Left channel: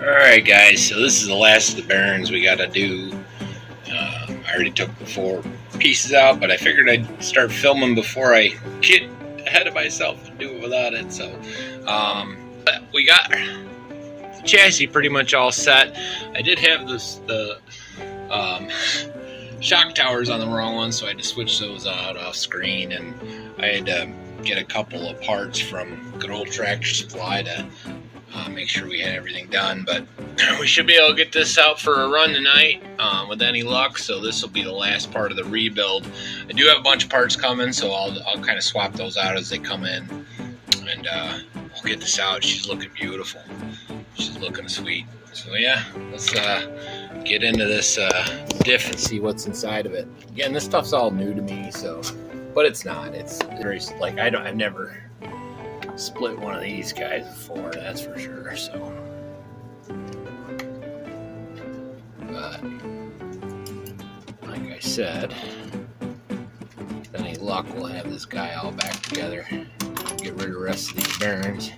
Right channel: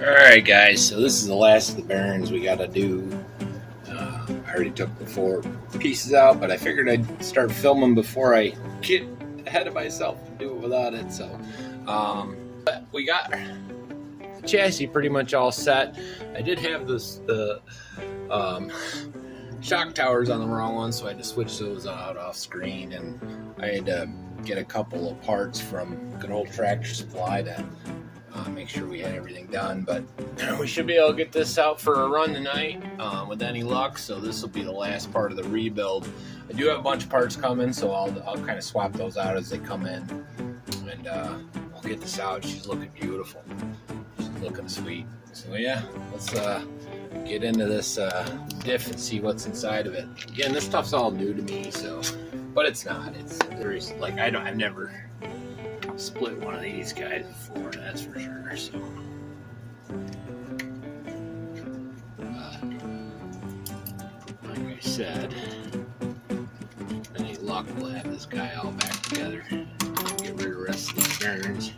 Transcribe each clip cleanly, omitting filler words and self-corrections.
Alright guys, so this is the last of the bearings we got to do. I already took the 4 pieces out, but I figured I'd start filming before I get ahead of myself and do it without it. So but we got the chassis pretty much all set. I did have the shock towers on the wrong one, so I had to switch those out off screen, and I had to get a couple of parts from good old Tractor Supply to make sure we had everything done. But we should be able to get this out for a run tonight with any luck. So this will be the last part of the rebuild. I do have a bunch of parts coming, so I'll kind of swap those out as they come in, and I'll get this out. She's looking beautiful. She's looking sweet. So yeah, let's get into this diff and see what's inside of it. Again, this stuff's all new to me, so, but it's not. It's very, like, I've never split one of these guys before, that's for sure. So, but like I said, with any luck, we'll have this guy all back together. Get rid of the rest of these bearings.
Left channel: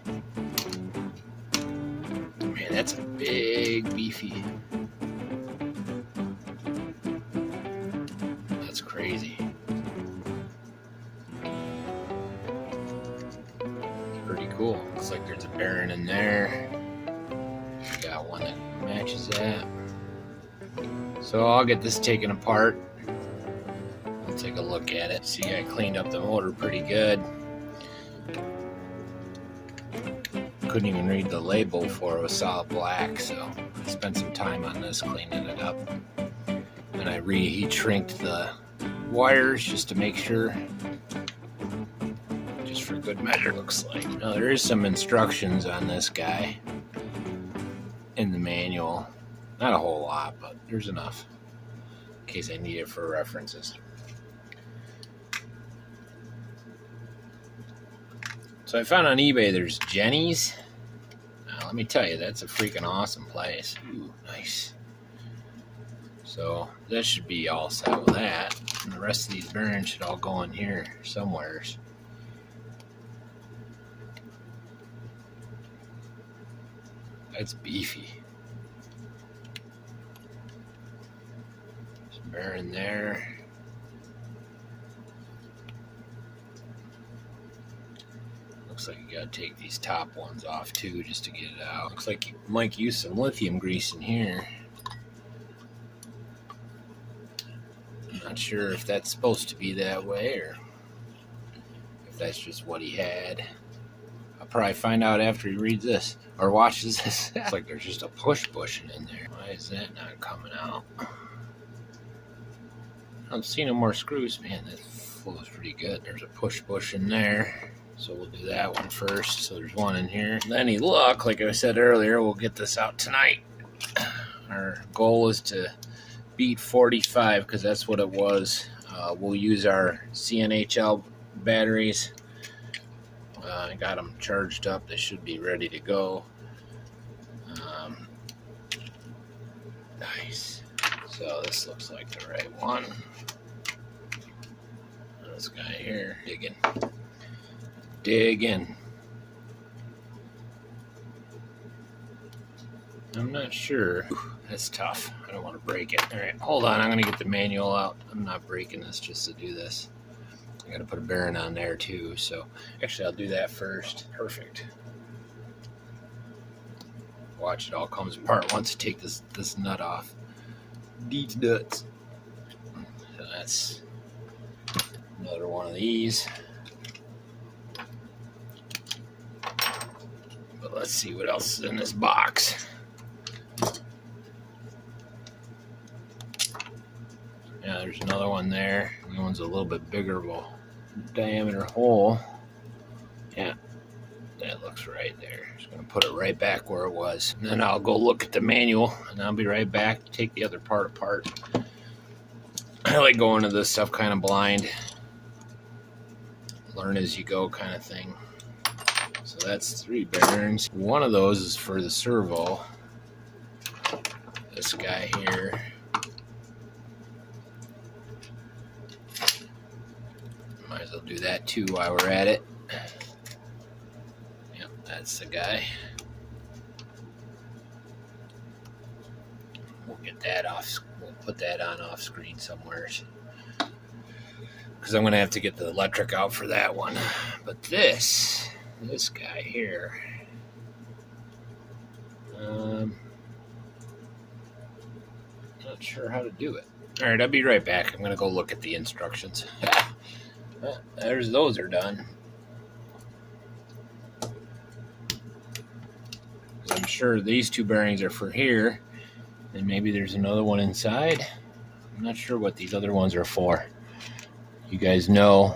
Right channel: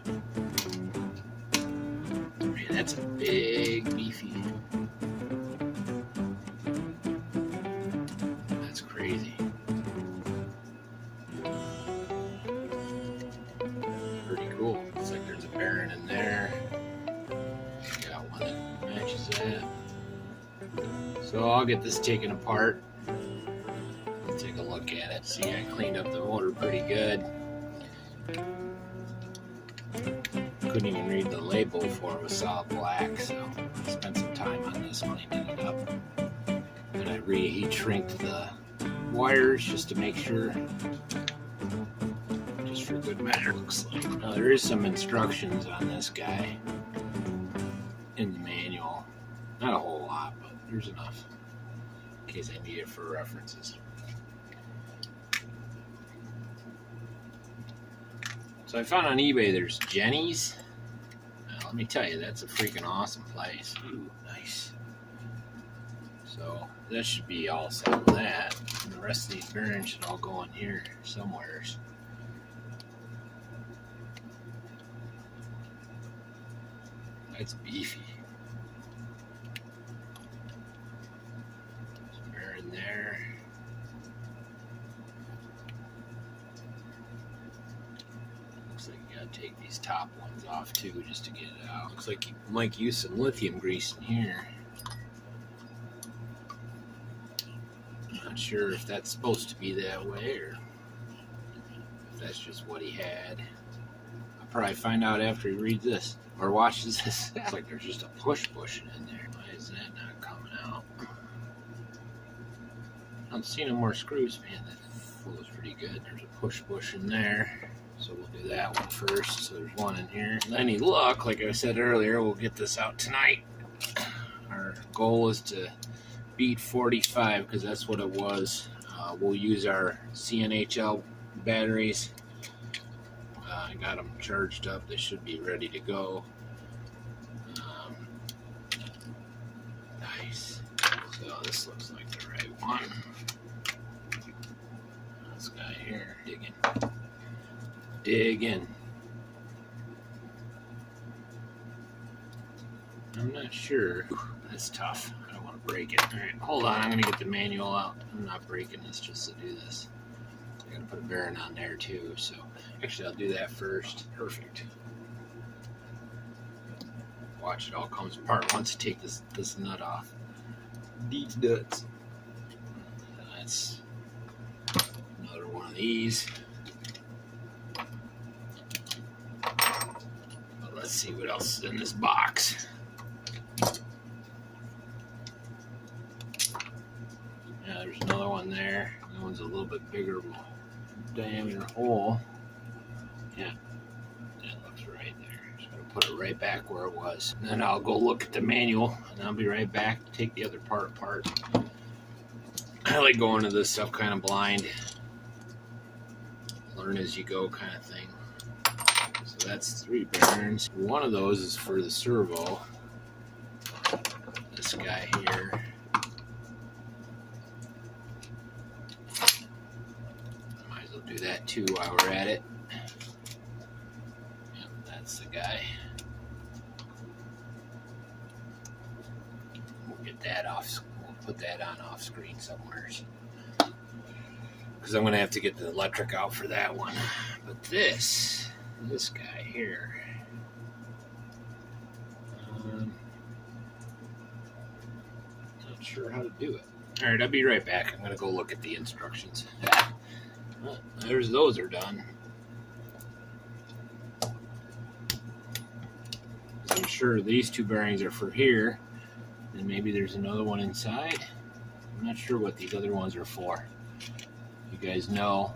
Man, that's a big beefy. That's crazy. Cool. Looks like there's a bearing in there. Got one that matches that. So I'll get this taken apart. I'll take a look at it. See, I cleaned up the motor pretty good. Couldn't even read the label for it was solid black, so I spent some time on this cleaning it up. And I reheat shrinked the wires just to make sure. For good measure, looks like. Now there is some instructions on this guy in the manual. Not a whole lot, but there's enough in case I need it for references. So I found on eBay there's Jenny's. Now, let me tell you, that's a freaking awesome place. Ooh, nice. So that should be all set with that. And the rest of these bearings should all go in here somewheres. It's beefy. Some bearing there. Looks like you gotta take these top ones off too just to get it out. Looks like you might use some lithium grease in here. I'm not sure if that's supposed to be that way or if that's just what he had. I'll probably find out after he reads this. Or watches this. It's like there's just a push bushing in there. Why is that not coming out? I don't see no more screws. Man, that flows pretty good. There's a push bush in there. So we'll do that one first. So there's one in here. And any luck, like I said earlier, we'll get this out tonight. Our goal is to beat 45 because that's what it was. We'll use our CNHL batteries. I got them charged up. They should be ready to go. Nice. So this looks like the right one. This guy here, digging. I'm not sure. Ooh, that's tough. I don't want to break it. All right, hold on. I'm going to get the manual out. I'm not breaking this just to do this. I gotta put a bearing on there too, so actually I'll do that first. Perfect. Watch, it all comes apart once you take this nut off. These nuts. So that's another one of these. But let's see what else is in this box. Yeah, there's another one there. That one's a little bit bigger of a diameter hole. Yeah, that looks right there. Just gonna put it right back where it was. And then I'll go look at the manual and I'll be right back to take the other part apart. I like going to this stuff kind of blind. Learn as you go kind of thing. So that's 3 bearings. One of those is for the servo. This guy here. Might as well do that too while we're at it. Yep, that's the guy. get that off. We'll put that on off screen somewhere, because I'm going to have to get the electric out for that one. But this guy here, not sure how to do it. All right, I'll be right back. I'm going to go look at the instructions. Those are done. I'm sure these two bearings are for here, and maybe there's another one inside. I'm not sure what these other ones are for. You guys know,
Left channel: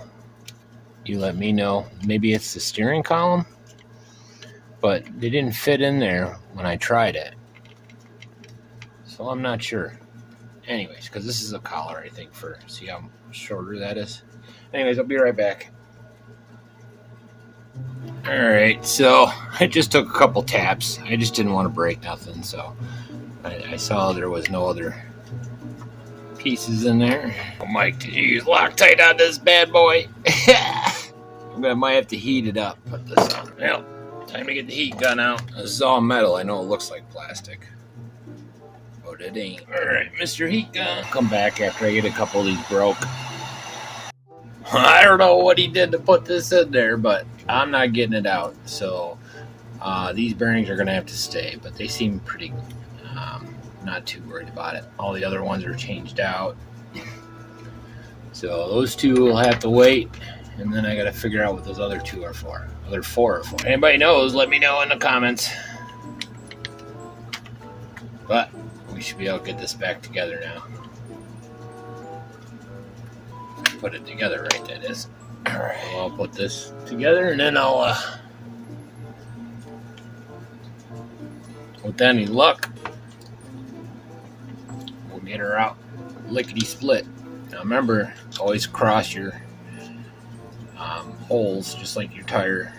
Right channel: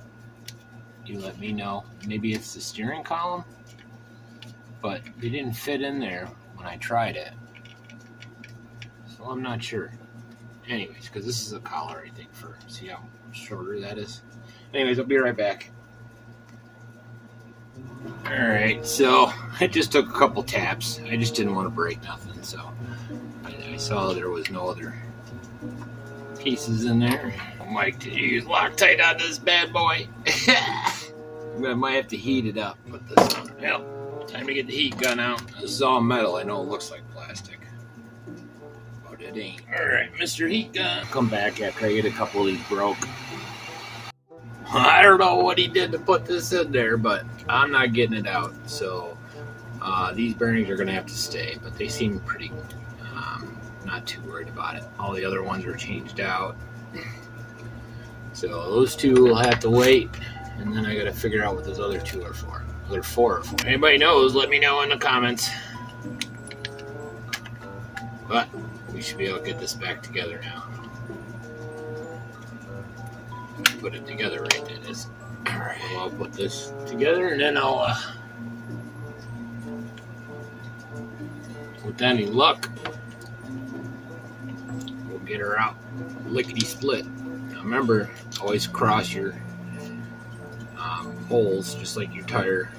you let me know. Maybe it's the steering column, but they didn't fit in there when I tried it, so I'm not sure. Anyways, because this is a collar, I think, for, see how shorter that is? Anyways, I'll be right back. Alright, so I just took a couple taps. I just didn't want to break nothing, so I saw there was no other pieces in there. Oh, Mike, did you use Loctite on this bad boy? I might have to heat it up. Put this on. Well, time to get the heat gun out. This is all metal. I know it looks like plastic, but it ain't. Alright, Mr. Heat Gun. I'll come back after I get a couple of these broke. I don't know what he did to put this in there, but I'm not getting it out. So these bearings are going to have to stay, but they seem pretty, not too worried about it. All the other ones are changed out. So those two will have to wait, and then I got to figure out what those other two are for. Other four are for. Anybody knows, let me know in the comments. But we should be able to get this back together now. Put it together right, that is. Alright, well, I'll put this together, and then I'll with any luck, we'll get her out lickety split. Now remember, always cross your holes just like your tire,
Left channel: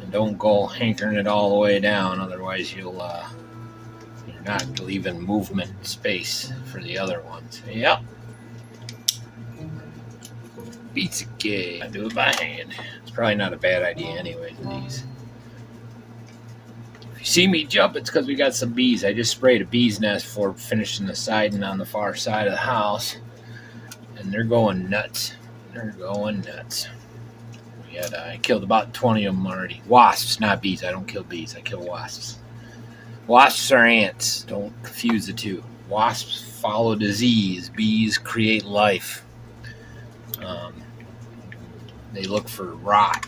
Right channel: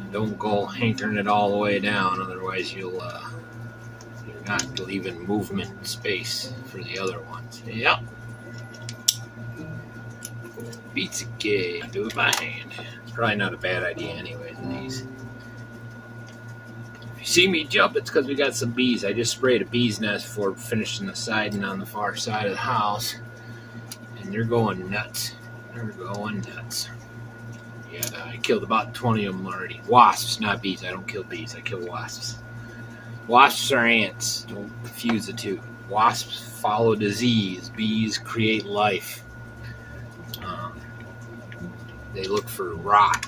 and don't go hankering it all the way down, otherwise you're not leaving movement space for the other ones. Yep. Beats a gay. I do it by hand. It's probably not a bad idea anyway, these. If you see me jump, it's because we got some bees. I just sprayed a bee's nest for finishing the siding on the far side of the house, and they're going nuts. They're going nuts. Yeah, I killed about 20 of them already. Wasps, not bees. I don't kill bees. I kill wasps. Wasps are ants. Don't confuse the two. Wasps follow disease. Bees create life. They look for rot.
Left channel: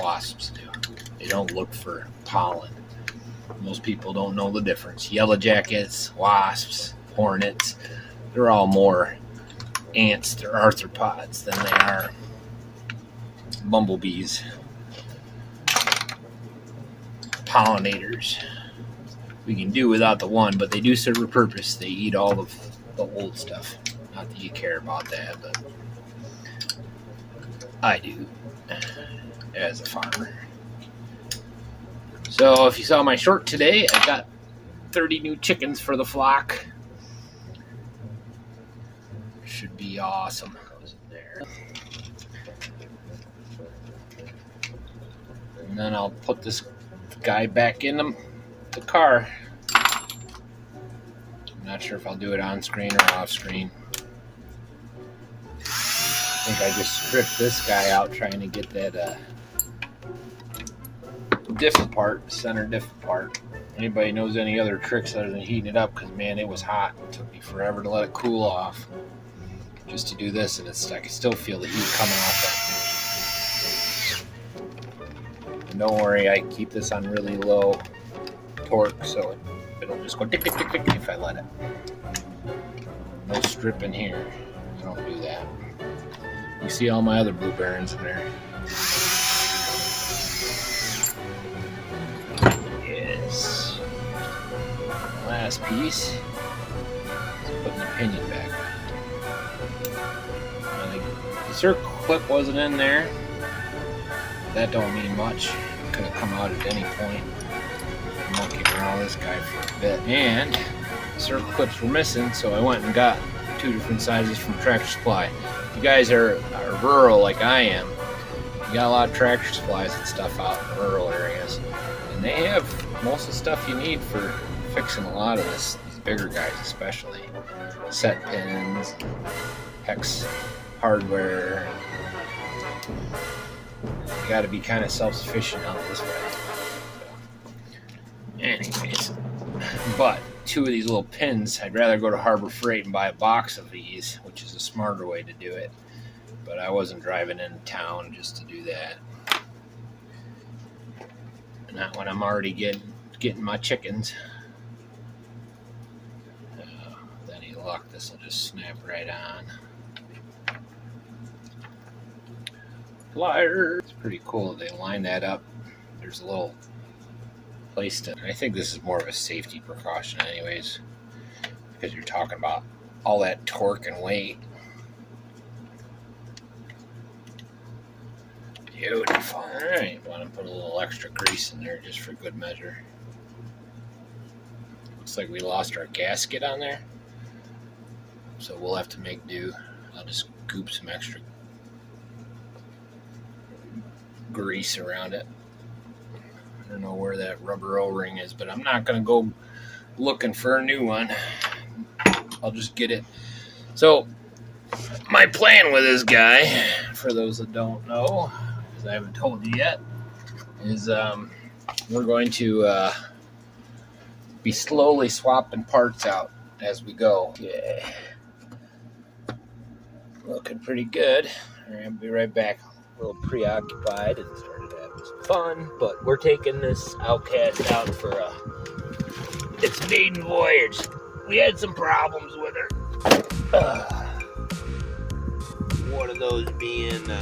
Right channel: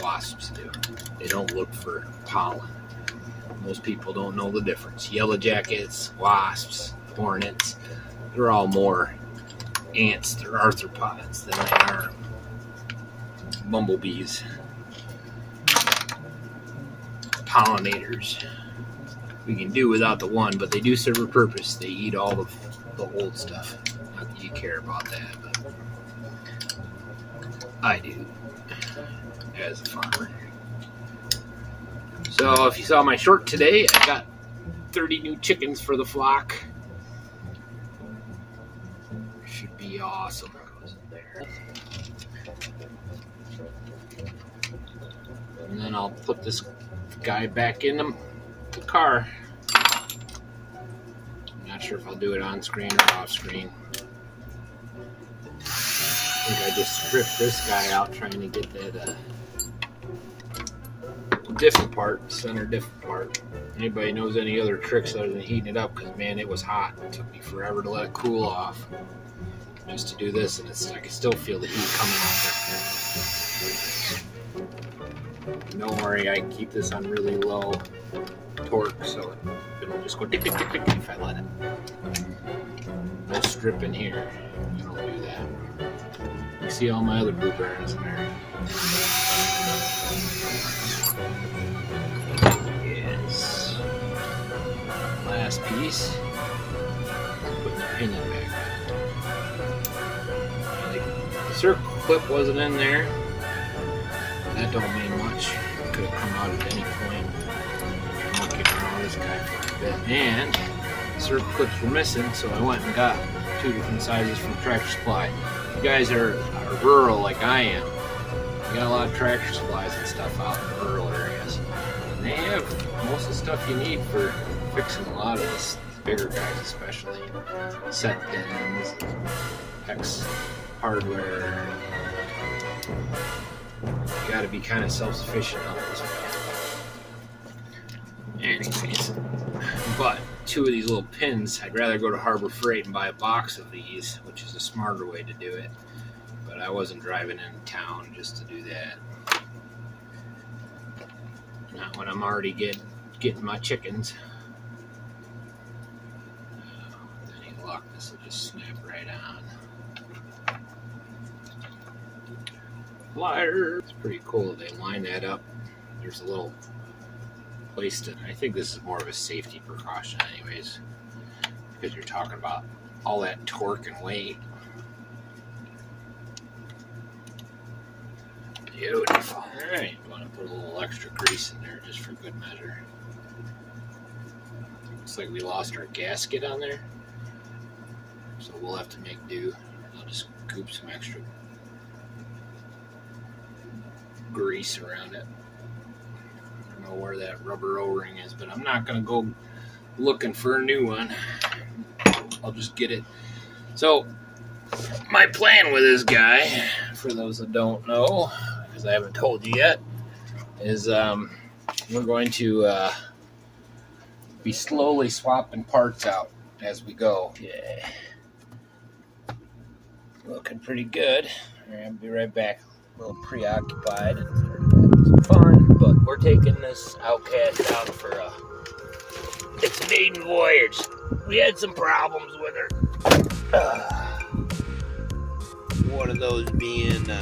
Wasps do. They don't look for pollen. Most people don't know the difference. Yellow jackets, wasps, hornets, they're all more ants. They're arthropods than they are bumblebees. Pollinators. We can do without the one, but they do serve a purpose. They eat all of the old stuff. Not that you care about that, but I do, as a farmer. So if you saw my short today, I got 30 new chickens for the flock. Should be awesome. Goes in there. And then I'll put this guy back in the car. I'm not sure if I'll do it on screen or off screen. I think I just stripped this guy out trying to get that diff apart, center diff apart. Anybody knows any other tricks other than heating it up? Because man, it was hot. It took me forever to let it cool off just to do this, and I can still feel the heat coming off. Don't worry, I keep this on really low torque, so it'll just go tick tick tick tick if I let it. No stripping here. I don't do that. You see all my other blue bearings in there. Yes. Last piece. Putting the pinion back on. The circle clip wasn't in there. That don't mean much. It could have come out at any point. I'm monkeying around this guy for a bit. And circle clips were missing, so I went and got 2 different sizes from Tractor Supply. If you guys are rural like I am, you got a lot of Tractor Supplies and stuff out in rural areas, and they have most of the stuff you need for fixing a lot of these bigger guys especially. Set pins, hex hardware. You got to be kind of self-sufficient on this way. So, anyways, but 2 of these little pins, I'd rather go to Harbor Freight and buy a box of these, which is a smarter way to do it. But I wasn't driving into town just to do that. Not when I'm already getting my chickens. With any luck, this will just snap right on. Flyer. It's pretty cool that they line that up. There's a little place to. I think this is more of a safety precaution, anyways, because you're talking about all that torque and weight. Beautiful. All right, want to put a little extra grease in there just for good measure. Looks like we lost our gasket on there, so we'll have to make do. I'll just scoop some extra grease around it. I don't know where that rubber O-ring is, but I'm not going to go looking for a new one. I'll just get it. So my plan with this guy, for those that don't know, because I haven't told you yet, is we're going to be slowly swapping parts out as we go. Yeah, looking pretty good. All right, I'll be right back. A little preoccupied and started having some fun, but we're taking this Outcast out for its maiden voyage. We had some problems with her. One of those being when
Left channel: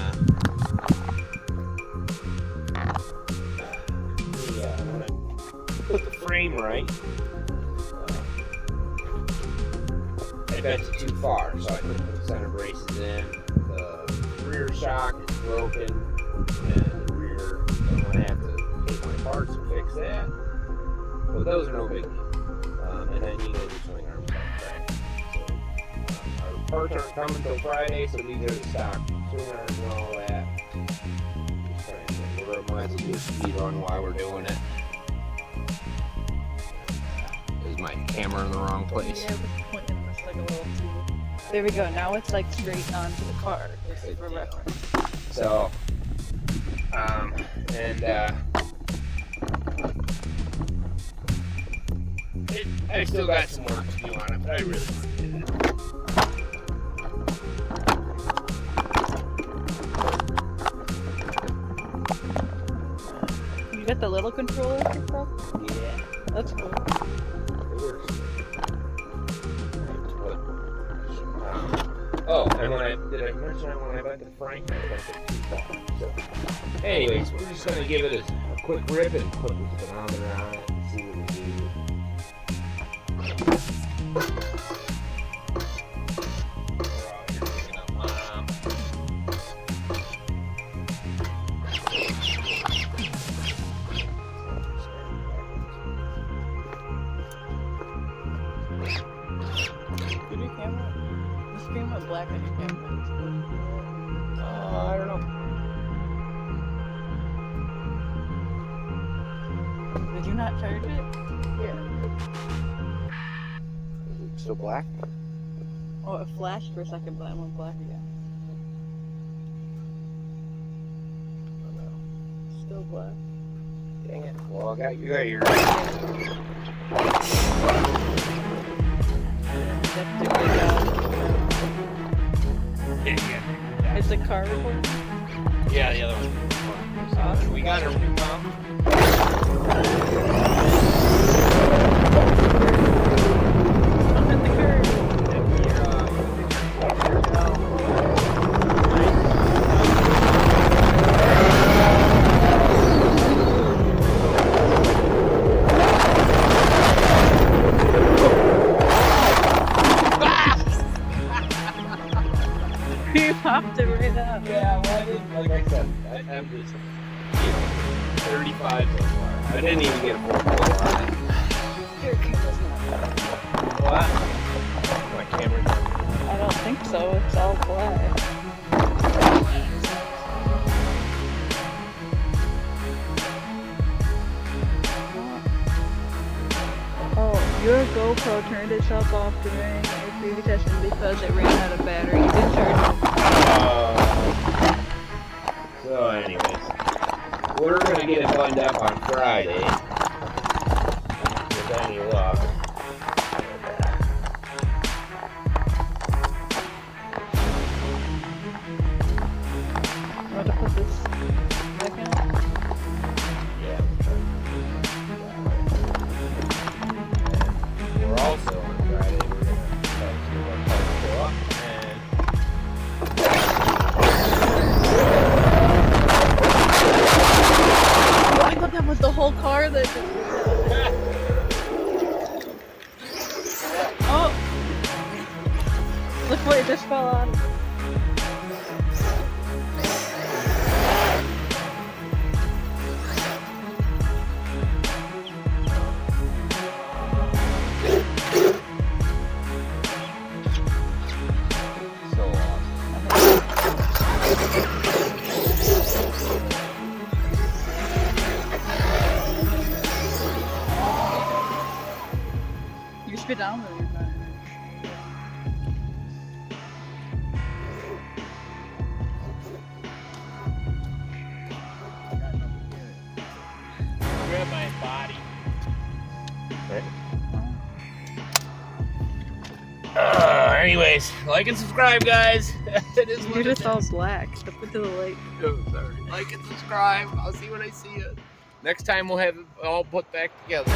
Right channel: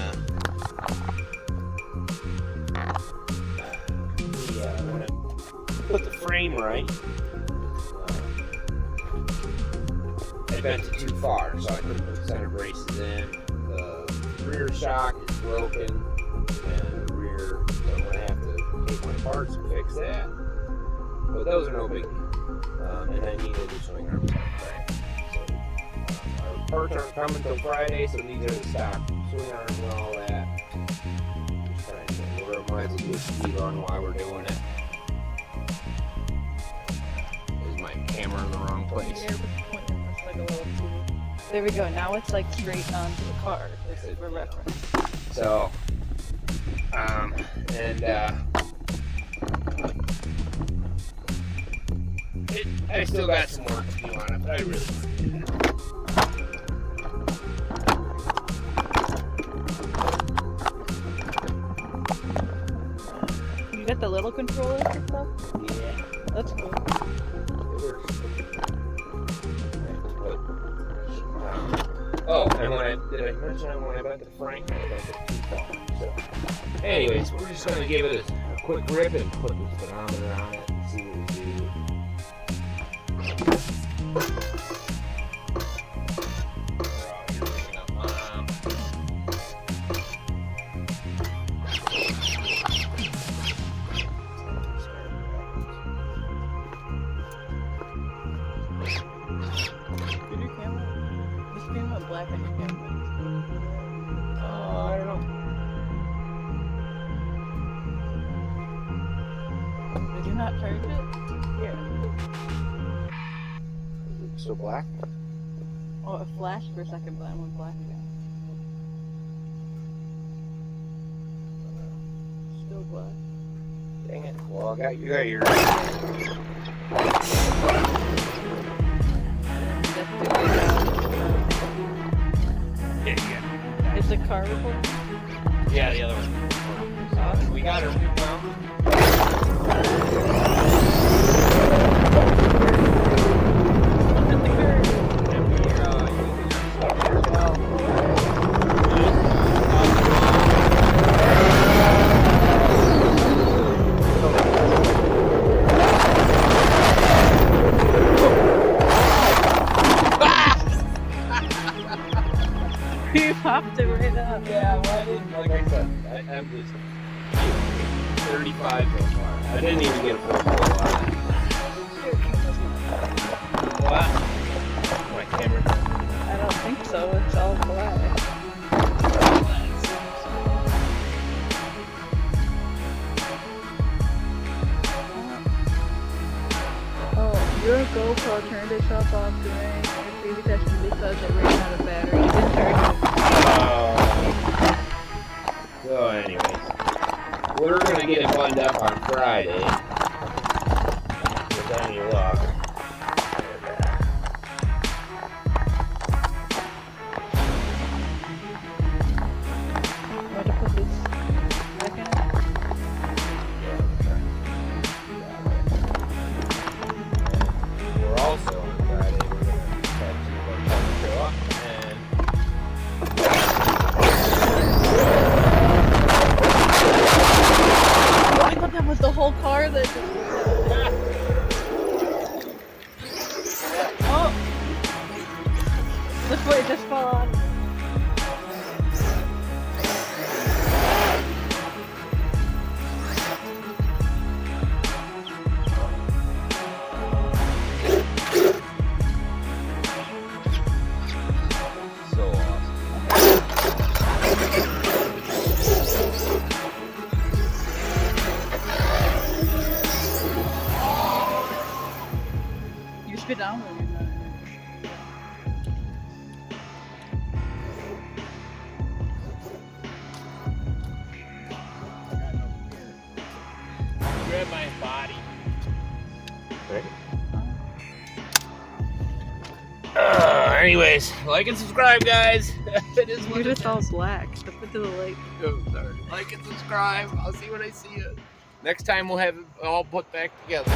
I put the frame right, I bent it too far, so I couldn't put the center braces in. The rear shock is broken, and the rear, so I'm going to have to take my parts and fix that. But those are no big deal. And then you need to swing arms on Friday. So our parts aren't coming until Friday, so these are the stock swing arms and all that. Just trying to get where I might as well get speed on while we're doing it. Is my camera in the wrong place? There we go. Now it's like straight onto the car. This is for reference. So, I still got some work to do on it, but I really want to do that. You got the little controllers and stuff? Yeah. That's cool. It works. Oh, and did I mention when I bent the frame? I bent it too far. So, anyways, we're just going to give it a quick rip and put the speedometer on it and see what we do. Black on your camera. I don't know. Did you not charge it? Yeah. Is it still black? Oh, it flashed for a second, but I went black again. Still black. Dang it. Well, I got you got your. Is the car recording? Yeah, the other one. Awesome. We got it. You popped it right up. Yeah, well, I didn't, like I said, I'm just 35 so far. I didn't even get a full photo on it. What? My camera? I don't think so. It's all black. Oh. Your GoPro turned itself off during the session because it ran out of battery. It didn't charge it. So anyways, we're gonna get it buttoned up on Friday. With any luck. I'm going to put this back in it. We're also on Friday, we're going to have some of our parts show up and Oh, I thought that was the whole car that just... Oh! Look where it just fell out. so awesome. You spit down or you're not? Grab my body. Right. Anyways, like and subscribe, guys. It is what You're it just is. all black. Step into the light. Oh, sorry. Like and subscribe. I'll see when I see you. Next time we'll have it all put back together.